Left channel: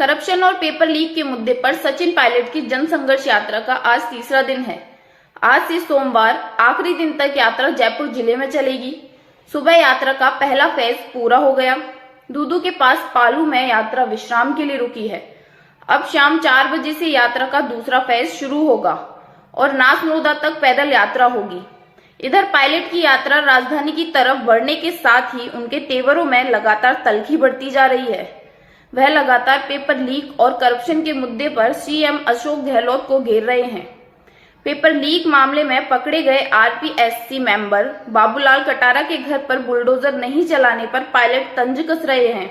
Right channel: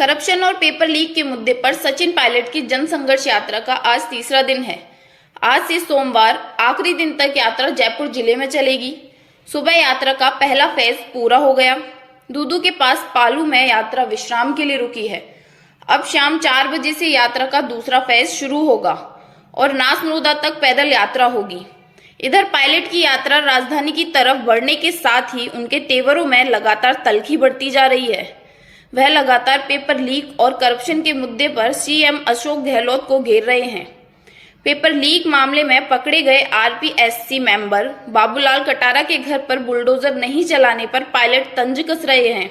Corruption और paper leak के मुद्दे पर सचिन पायलट की जन संघर्ष यात्रा का आज तीसरा दिन है। आज से सोमवार आखिरी दिन तक यात्रा जयपुर जिले में चलेगी। सुबह यात्रा का पहला फेज पूरा हो गया। दूदू के पास पालू में यात्रा विश्राम के लिए रुकी है। अब शाम 4 बजे से यात्रा का दूसरा फेज शुरू होगा और नासमोदा तक पैदल यात्रा होगी। इधर पायलट की यात्रा राजधानी की तरफ बढ़ने के साथ ही उनके तेवरों में लगातार तल्खी बढ़ती जा रही है। वह लगातार पेपर लीक और करप्शन के मुद्दे पर सीएम अशोक गहलोत को घेर रहे हैं। पेपर लीक मामले में पकड़े गए आरपीएससी मेंबर बाबूलाल कटारा के घर पर बुलडोजर नहीं चलाने पर पायलट तंज कस रहे हैं।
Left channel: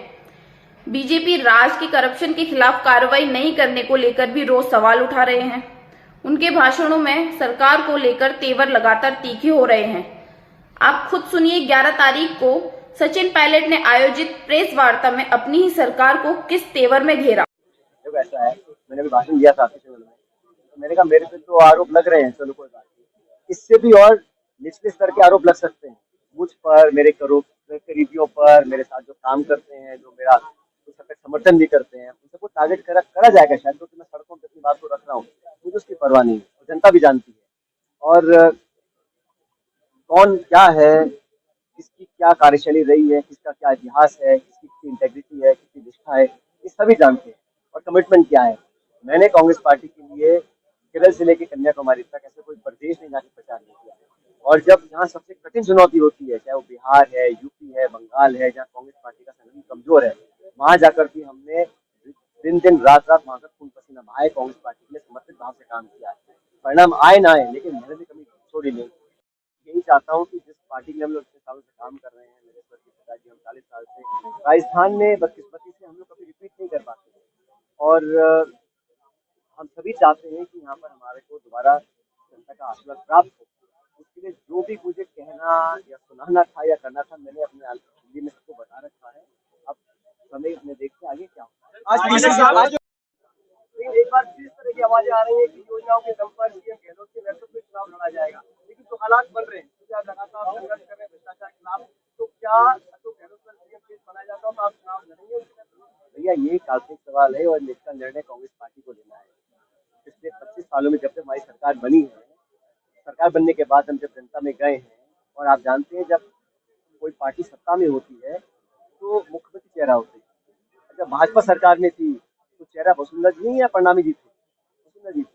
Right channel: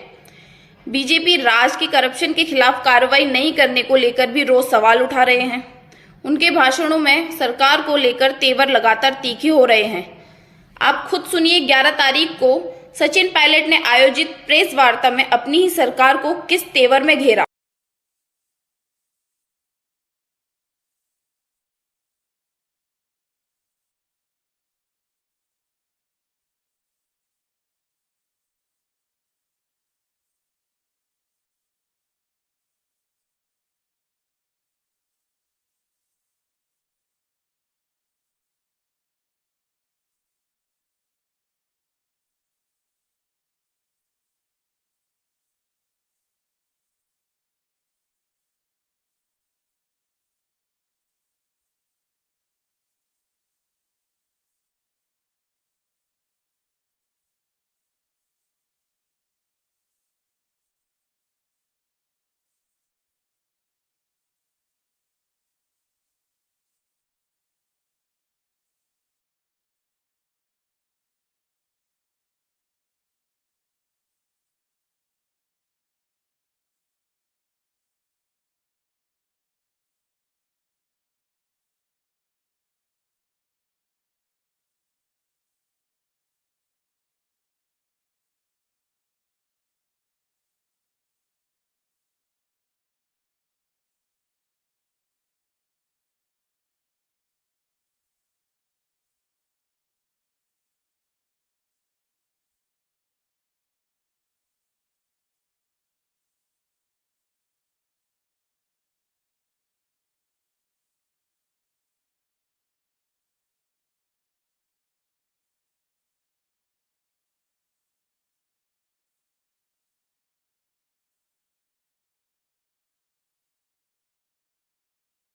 बीजेपी राज के करप्शन के खिलाफ कार्रवाई नहीं करने को लेकर भी रोज सवाल उठा रहे हैं। उनके भाषणों में सरकार को लेकर तेवर लगातार तीखे हो रहे हैं। आप खुद सुनिए 11 तारीख को सचिन पायलट ने आयोजित प्रेस वार्ता में अपनी ही सरकार को किस तेवर में घेरा। ऐसा है, मैंने भी भाषण दिया था चैनल में, तो मैंने कहा मेरे पे तो आरोप लग रहे हैं, चलो कोई बात नहीं, इससे भी और निचले स्तर के आरोप लग सकते हैं मुझ पर, मेरे करीबियों पर, मेरे साथ जो काम करते हैं, जो मेरा कुछ हद तक समर्थन भी करते हैं, उन सबको टारगेट करा जाएगा शायद, क्योंकि मैं सड़कों पर अपनी बात को रख रहा हूँ, मुझे उसकी परवाह नहीं है, जनता भी जानती है। और कौन क्या है, किसकी क्या कार्यशैली रही है, किसका क्या इतिहास है, किसकी इंटेग्रिटी है, किसकी निष्ठा है, ये सभी जानते हैं। और कमिटमेंट क्या है, मैंने कांग्रेस पार्टी के लिए केरल से लेकर कन्याकुमारी तक ऐसे कोई प्रदेश नहीं जाके प्रचार नहीं किया। और जब यहाँ सबसे कठिन चुनौती होती है, चाहे वो बिहार है, यूपी है, बंगाल है, जहाँ कांग्रेस पार्टी का संगठन कमजोर है, वहां जाकर भी हमने दिन दिन रात रात वहां का खून पसीना बहाए, कांग्रेस पार्टी के लिए समर्पित भाव से काम किया है। परिणाम आए ना आए, लेकिन मैंने भी कभी छोड़ी नहीं। यही चाहता हूँ कि जिस पार्टी के हम लोग इतने सालों से काम कर रहे हैं, मेरे स्वर्गीय पिताजी, हम 40 साल से राजस्थान में बदकिस्मती से हम लोग कभी रिपीट नहीं कर पाते। और हम सभी चाहते हैं कि यहाँ पर हमारे को दोबारा जनता का आशीर्वाद प्राप्त हो। उसके लिए जो भी मुझे कहना या सुनाना था या करना था, मैंने अपने हिंदी में सबको बता रखा है। अब समय में देखते आगे क्या होता है। एक बार फिर इस तरह की आवाजें आ रही है कि योजनाओं के दम पर सीएम गहलोत के नेतृत्व में चुनाव लड़ा जाएगा, लेकिन तो हालात बन रहे हैं, क्योंकि आप लगातार संघर्ष कर रहे हैं भ्रष्टाचार के खिलाफ, तो क्या अशोक गहलोत पर सीएम केस बनाया जाता हो तो आप चुनाव लड़ेंगे? भैया ये काल्पनिक सवाल है और इसका निर्णय कांग्रेस पार्टी को लेना है। पिछले 25 सालों में जब तक हमारी सरकार बनी है, सरकार बनने के बाद हम जब जनता में गए हैं, और आप जानते हैं जब कोई पार्टी सत्ता में होती है तो मुख्यमंत्री चेहरा होती है। जब भाजपा सरकार में थी तो चेहरा वसुंधरा जी नहीं या प्रणामी जी थे, वसुंधरा जी थे।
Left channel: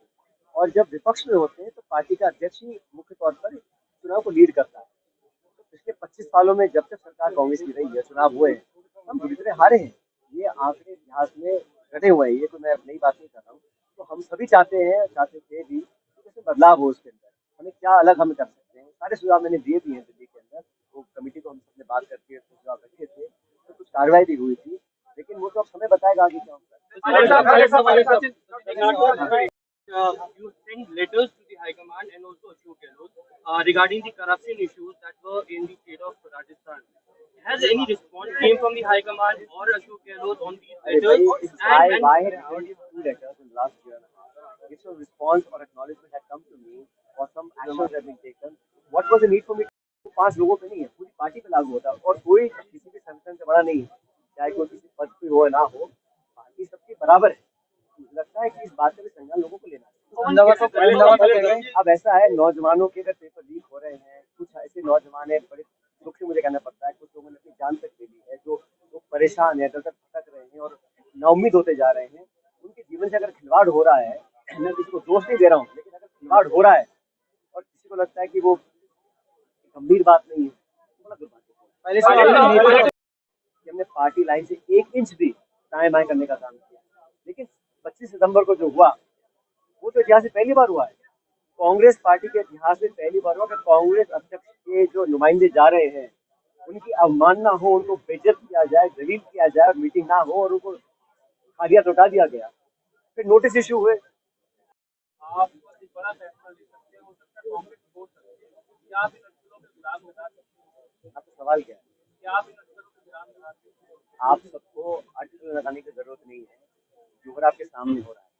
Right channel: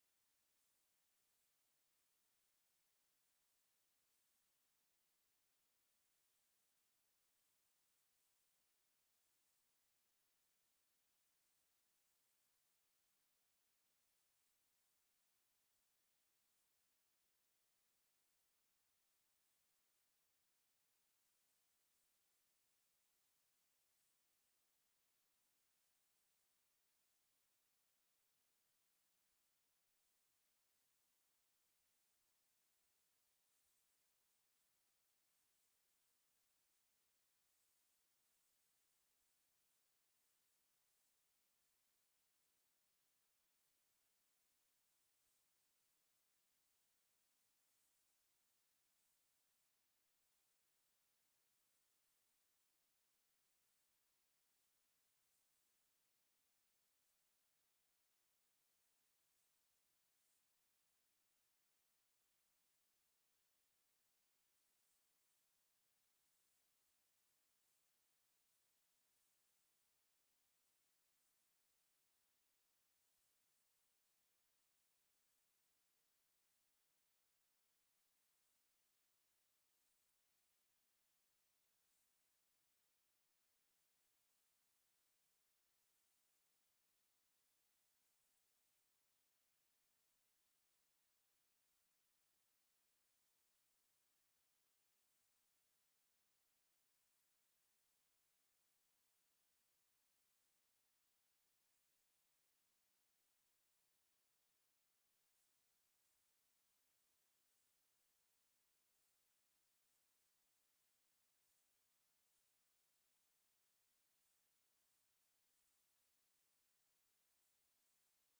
और जब विपक्ष में होते हैं तो पार्टी का अध्यक्ष ही मुख्य तौर पर चुनाव को लीड करता है। तो पिछले 25 सालों में जब तक सरकार कांग्रेस की रही है, चुनाव हुए, हम बुरी तरह हारे हैं। ये आंकड़े इतिहास में घटे हुए हैं, ये तो मैं नई बात नहीं कर रहा हूँ। तो हम सभी चाहते थे भी कि बदलाव हो उसके अंदर, हमें क्या अलग हम कर सकते हैं। सारे सुझाव मैंने दिए भी हैं दिल्ली के अंदर, वो कमेटी को हम सबने बात करके सुझाव रखे थे, तो कुछ कार्रवाई भी हुई थी, लेकिन वो तो अब समय बताएगा आगे क्या होगा। You sent letters to the High Command and also Ashok Gehlot regarding the corruption issues that were in the state of Rajasthan. Has any response came from the High Command or Ashok Gehlot on these letters? Why had these two letters in the last year and a half? If no response or acknowledgement had come to me or some actions have been taken, what was the need for me to 5 लोगों पे नहीं है, पूरी party पे लागू होता है। और कोई किसी भी संगठन से बड़ा नहीं है, चाहे कोई किसी पद पे हो ना हो, पार्टी सबकी बराबर है। मुझे लगता है कि इस बात का भी संज्ञान लोगों को लेना है। अब ऐसा है, नौजवानों के अगर पेपर लीक हो रहे हैं, कुछ ऐसे नौजवान है, बड़े दुख से मुझे कहना पड़ता है, कुछ लोगों ने अपनी जान तक ले ली है, जो परेशान है, दर दर भटक रहे हैं और नाउम्मीद होते जा रहे हैं। उनके जीवन से अगर खिलवाड़ हो रहा है, मैं किसी को दोष नहीं दे रहा हूँ, लेकिन अगर खिलवाड़ हो रहा है और किसी को लगता है कि वो गंभीर बात नहीं है, तो बड़ा दुर्भाग्य है। हमने पार्टी लाइन से 1 इंच भी दाएं बाएं करने का काम किया, लेकिन 25 सितंबर को जो हुआ वो तो इतिहास में पहली बार हुआ है। कांग्रेस पार्टी के इतिहास में पहली बार हुआ कि कांग्रेस अध्यक्ष के जो नुमाइंदे जा रहे हैं, उनकी अवमानना हो, उनको बेइज्जत किया जाए, जलील किया जाए, मीटिंग ना हो और उनको खालिया लौटा दिया गया। फिर नोटिस इशू हुए। आप बड़ा फैसला ले सकते हो, कांग्रेस छोड़ सकते हैं, क्या आप इन नक्सलों के खिलाफ लगा सकते हैं? आपका सवाल क्या है? क्या आप इन नक्सलों के खिलाफ लगा सकते हैं? आप सबको आर्टिकल लगाने की जरूरत नहीं है, जो हो रहा आपके सामने हो रहा है।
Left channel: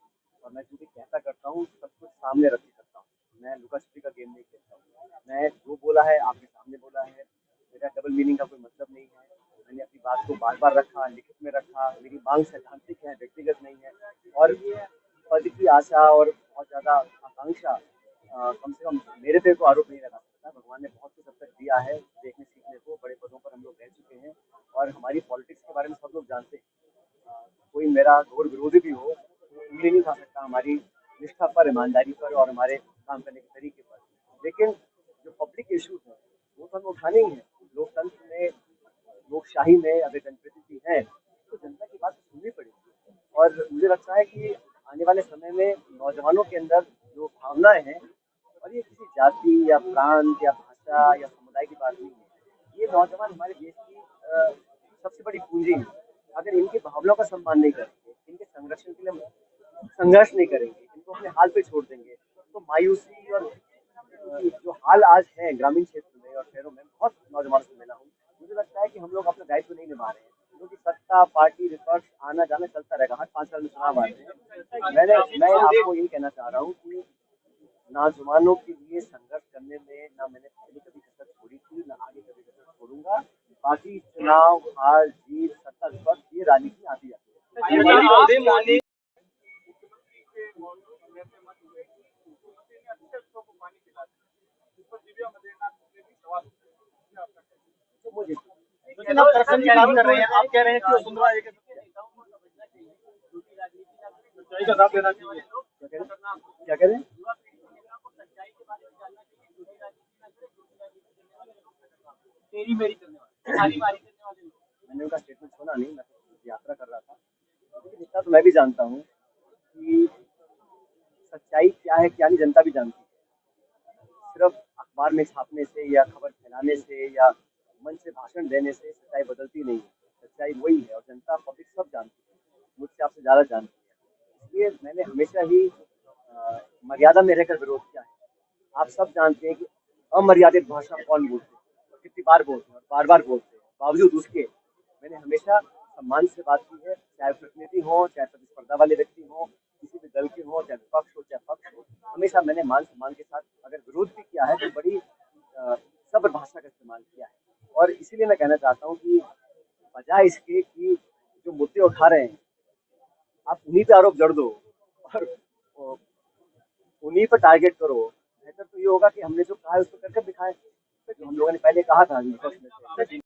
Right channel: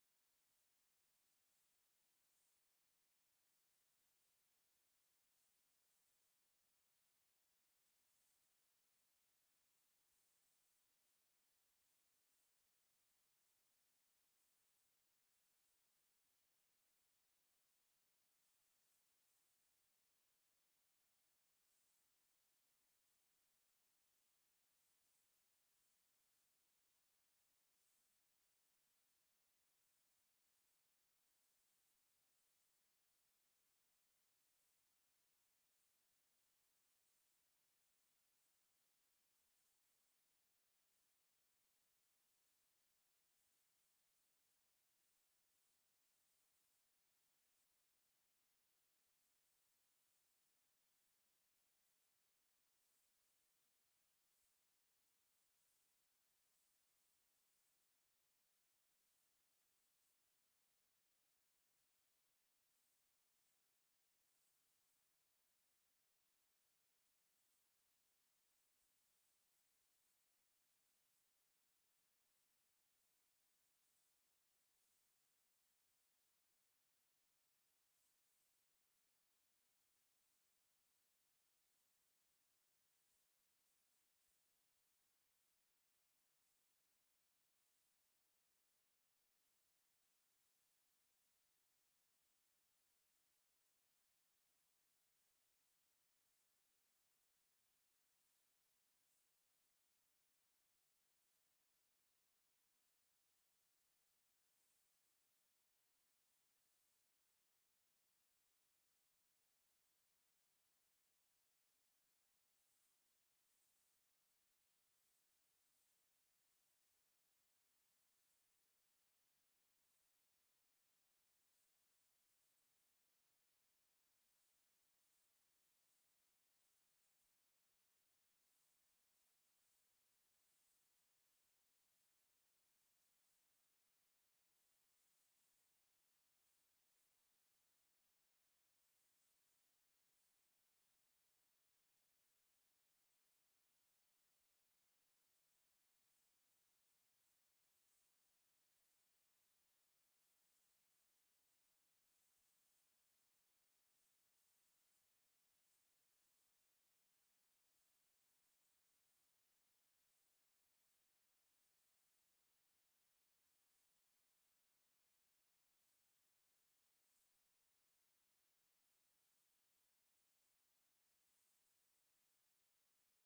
और मैं जो भी कहता करता हूँ, सब कुछ सामने रख के करता हूँ। मैं लुका छिपी का गेम नहीं खेलता हूँ। मैं जो बोला है आपके सामने बोला है, मेरा डबल मीनिंग का कोई मतलब नहीं है। मैंने अपनी बात को बार बार रखा, लिखित में रखा। मेरी मांग सैद्धांतिक है, व्यक्तिगत नहीं है। और पद की आशा और बहुत ज़्यादा आकांक्षा कम से कम मेरे पे को आरोप नहीं लगा सकता। भगवान ने बहुत कुछ अब तक दिया है देखने सीखने को, बड़े पदों पर हम लोग रह चुके हैं और हमारी पॉलिटिक्स के बारे में सब लोग जानते हैं। कोई मेरा घोर विरोधी भी हो तो उंगली नहीं खा सकता हमारी निष्ठा पर, ईमानदारी पर और हमारे काम करने के तरीके पर। लेकिन जो पब्लिक इश्यूज हैं वो तो हमें उठाने ही हैं। लोकतंत्र में, लोकशाही में अगर जनप्रतिनिधि हैं तो जनता की बात तो सुननी पड़ेगी। और मुझे लगता है कि आने वाले समय में नौजवानों के अंदर जो भावनाएं हैं, और ये किसी जाति या प्रांत या भाषा या समुदाय की बात नहीं है, ये नौजवान हमारे देश की सबसे बड़ी पूंजी है। अगर इनकी भावनाओं का सम्मान नहीं करेंगे, इनके संरक्षण के लिए संघर्ष नहीं करेंगे, इनको अपने हाल पे छोड़ देंगे, तो मायूसी और जो हाल आज है ग्रामीण क्षेत्र में और शहरों में, बहुत नौजवानों से मिला हूँ, मुझे लगता है कि हम लोग अपना दायित्व नहीं निभा रहे हैं। क्योंकि सत्ता, पार्टी, विपक्ष आना जाना चलता रहेगा, हर 5 साल में चुनाव आते हैं। मैं आपको यही कहना चाह रहा हूँ कि नौजवानों के लिए संघर्ष करने में ना मैंने पहले कभी कसर छोड़ी थी, ना आगे कभी कसर छोड़ूंगा। बाकी चुनाव, हार जीत, सत्ता विपक्ष, ये राजनीति आती जाती है। तो मुझे लेकिन आप करप्शन की बात कर रहे हैं, आप कह रहे हैं कि वसुंधरा एक सच्चाई का साथ देना चाहिए। क्या कह रहे हैं? मैंने उनका स्टेटमेंट सुना नहीं, मैं तो यात्रा कर रहा था। लेकिन इतना तो मैं भी जानता हूँ कि सच्चाई क्या है क्या नहीं जनता भी जानती है। सिर्फ अखबार में छापने से या खबर फैलाने से या मंच से भाषण देने से सच्चाई बदलती नहीं है। सच्चाई वही है और जनता, पब्लिक सब जानती है, मुझसे आपसे ज़्यादा जानती है। इसलिए मैंने हमेशा ही मर्यादा में रहकर विरोध किया है। आप सब जानते हैं कि अमर्यादित भाषा कौन बोलते हैं और कितनी बार बोलते हैं और बार बार बोलते हैं। बावजूद उसके मैंने हमेशा सम्मान से बात की है, चाहे प्रतिनिधि हो, चाहे प्रतिस्पर्धा वाले व्यक्ति हो, किसी भी दल के हो, चाहे विपक्ष हो चाहे पक्ष हो। हमेशा मैंने मान सम्मान के साथ अगर विरोध भी किया है तो बड़ी सब्र भाषा का इस्तेमाल किया है। और इसीलिए मैं कहना चाहता हूँ कि बजाय इसके कि जो मुद्दे उठा रहे हैं आप उन्हीं पे आरोप जड़ दो और उन्हीं पर टारगेट करो। बेहतर तो ये होगा कि हमने जो कहा है उसको करके दिखाएं, जो हम लोगों ने पहले कहा था विपक्ष में से।